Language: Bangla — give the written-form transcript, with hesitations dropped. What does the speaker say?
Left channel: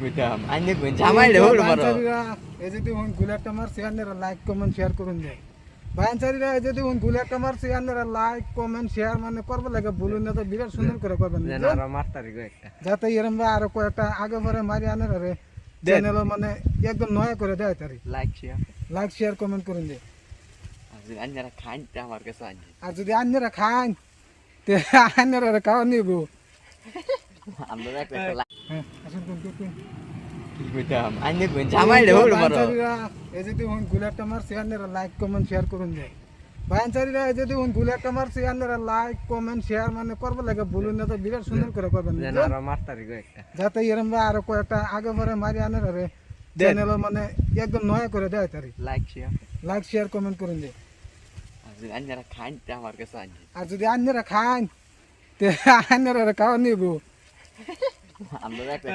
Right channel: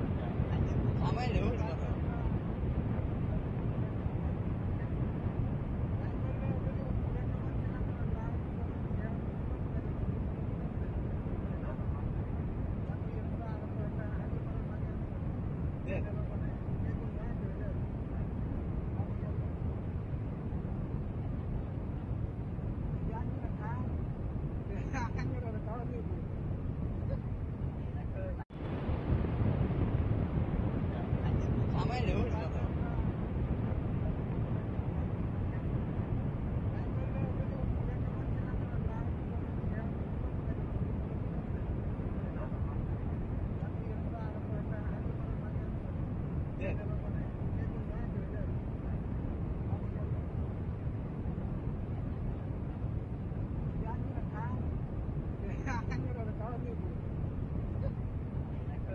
বুঝতাম আইনে কোন জামাই রে হলো বড় এই যদি উন গুলাটা মারছি আপনারা লাইক কমেন্ট শেয়ার করুন যায় বায়ানচারীরা এই যদি উন গুলাটা মারছি আপনারা লাইক কমেন্ট শেয়ার মানে করবে লাগে ভুলুন না তো বিরাট সুন্দর করে করবেন আর মারতারি কয়েকটা যাতে এরম আরো কয়েকটা আগে পরে মারি আনার রে চ্যানেল মানে একদম নয়া করে দেয় তারি লাইক শেয়ার কমেন্ট করুন যে আইনারা খাই আমার কাছে আছে আর যদি আপনারা খান তে আপনারা খাওয়া নিব আমরা একটা বুঝতাম আইনে কোন জামাই রে হলো বড় এই যদি উন গুলাটা মারছি আপনারা লাইক কমেন্ট শেয়ার করুন যায় বায়ানচারীরা এই যদি উন গুলাটা মারছি আপনারা লাইক কমেন্ট শেয়ার মানে করবে লাগে ভুলুন না তো বিরাট সুন্দর করে করবেন আর মারতারি কয়েকটা যাতে এরম আরো কয়েকটা আগে পরে মারি আনার রে চ্যানেল মানে একদম নয়া করে দেয় তারি লাইক শেয়ার কমেন্ট করুন যে আইনারা খাই আমার কাছে আছে আর যদি আপনারা খান তে আপনারা খাওয়া নিব আমরা একটা